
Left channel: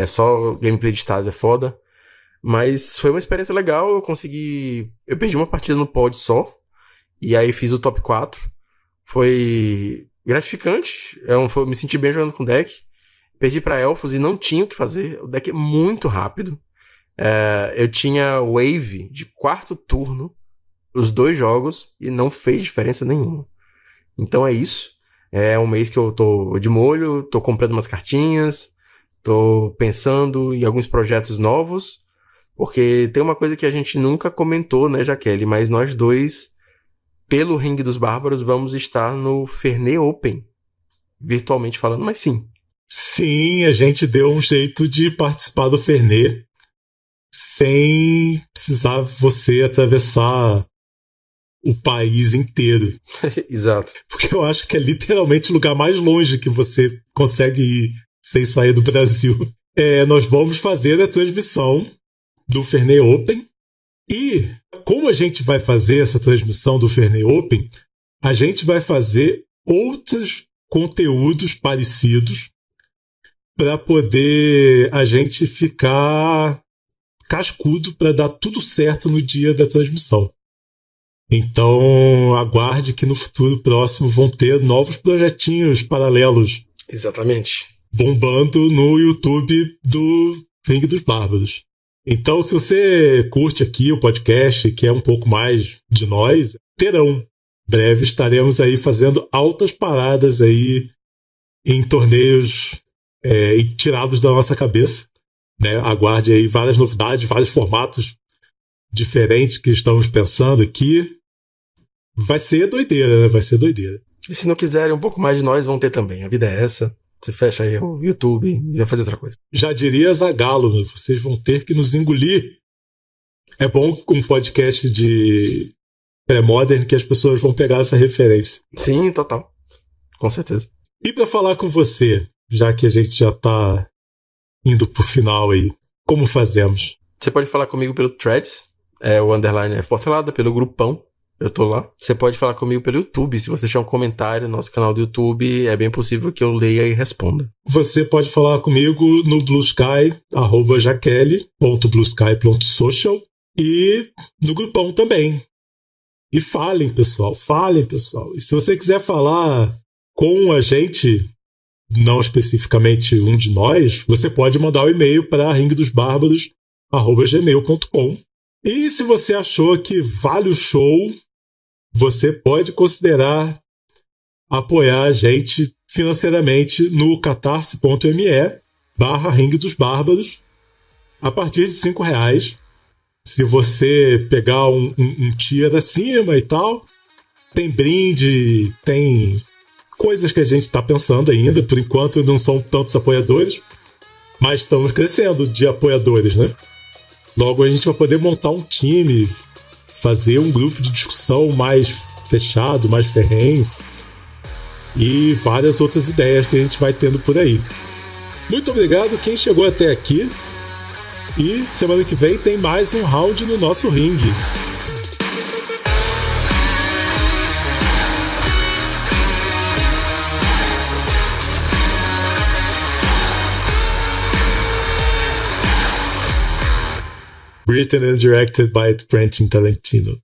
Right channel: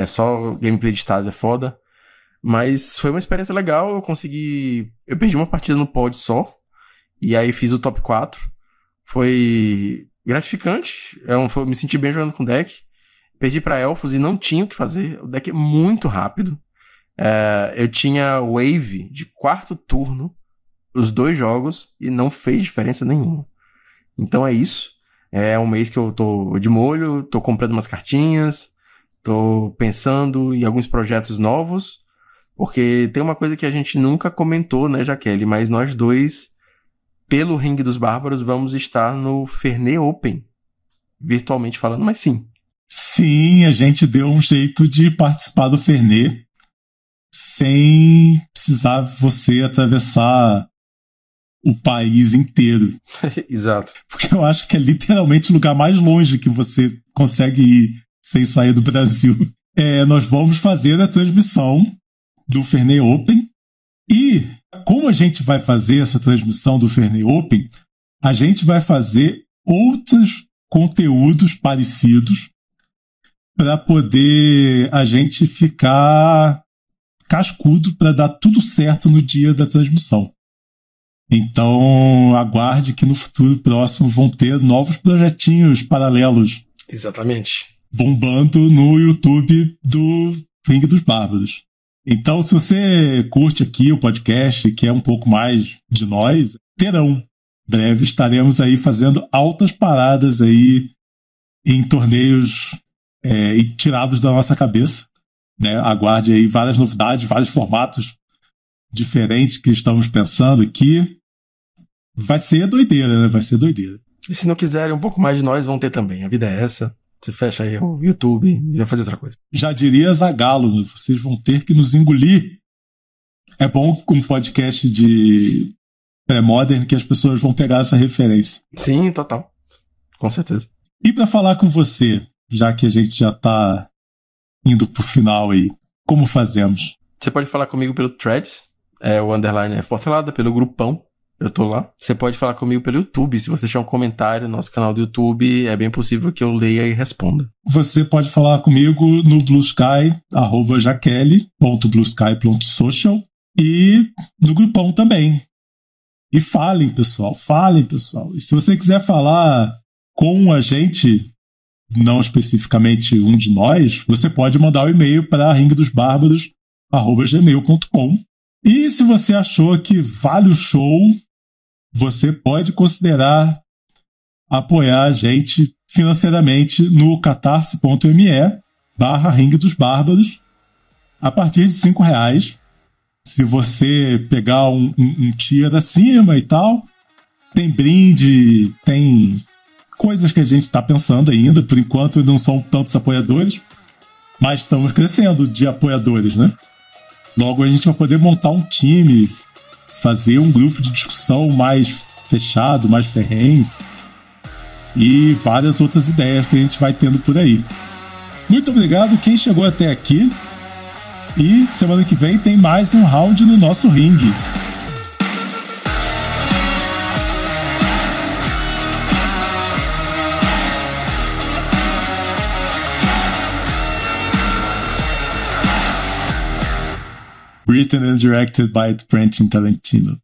só gameplay de Stasis é foda. Mas foi uma experiência legal, eu perdi uma partida no pod só, e aí fiz o top 4. Foi gratificante, eu me senti bem jogando com o deck. Perdi pra Elfos e não tinha o que fazer, o deck é muito rápido. Eu tinha Wave de 4º turno, os 2 jogos, e não fez diferença nenhuma. Então é isso. É um mês que eu tô de molho, tô comprando umas cartinhas, tô pensando em alguns projetos novos, porque tem uma coisa que a gente nunca comentou, né, Jaqueline? Mas nós dois, pelo Ringue dos Bárbaros, vamos estar no Fernet Open, virtualmente falando, mas sim. Sim, a gente deu um jeito de participar do Fernet sem precisar você atravessar o país inteiro. Exato. Porque eu acho que é literalmente o lugar mais longe que você consegue ir sem sair do Brasil. Nós vamos fazer a transmissão do Fernet Open. E como a gente vai fazer essa transmissão do Fernet Open, a gente vai fazer outros conteúdos parecidos para poder a gente ficar cascudo para dar tudo certo no dia da transmissão. Então, aguarde que no futuro próximo vão ter novos projetinhos paralelos. Exatamente. Bombando no YouTube do Ringue dos Bárbaros. Então, se você curte aqui o podcast, que é um pouco mais de nós, terão. Breve estaremos aí fazendo altas paradas aí em torneios tirados da nossa cabeça. Né? Aguarde aí várias novidades, vários formatos diferentes que estamos pensando aqui. Vai ser doideira, né? Vai ser doideira. E se não quiserem um pouco mais de nós, vão ter também. A vida é essa. Você fecha aí o YouTube e vai fazer outra coisa. Já diria Zagalo, vocês vão ter que nos engolir. É bom com um podcast de pré-modern que as pessoas vão pegar essa referência. Sim, total. Com certeza. E para falar com você, já que a gente já tá indo pro final aí, como fazemos? Você pode falar comigo pelo Threads, o _ Portelada, pelo grupão, eu tô lá. Você pode falar comigo pelo YouTube, se você tiver um comentário no nosso canal do YouTube, é bem possível que eu leia e responda. Você pode falar comigo no Blue Sky, @jaquele.bluesky.social, e no grupão também. E falem, pessoal. E se você quiser falar com a gente, não especificamente um de nós, você pode mandar um e-mail para ringuedosbarbaros@gmail.com. E se você achou que vale o show, você pode considerar apoiar a gente financeiramente no catarse.me/ringuedosbarbaros a partir de R$5. Se você pegar um tier acima e tal, tem brinde, tem coisas que a gente está pensando ainda. Por enquanto não são tantos apoiadores, mas estamos crescendo de apoiadores, né? Logo a gente vai poder montar um time, fazer um grupo de discussão mais fechado, mais ferrenho e várias outras ideias que a gente vai tendo por aí. Muito obrigado quem chegou até aqui. E semana que vem tem mais um round no nosso ringue. Written and directed by Quentin Tarantino.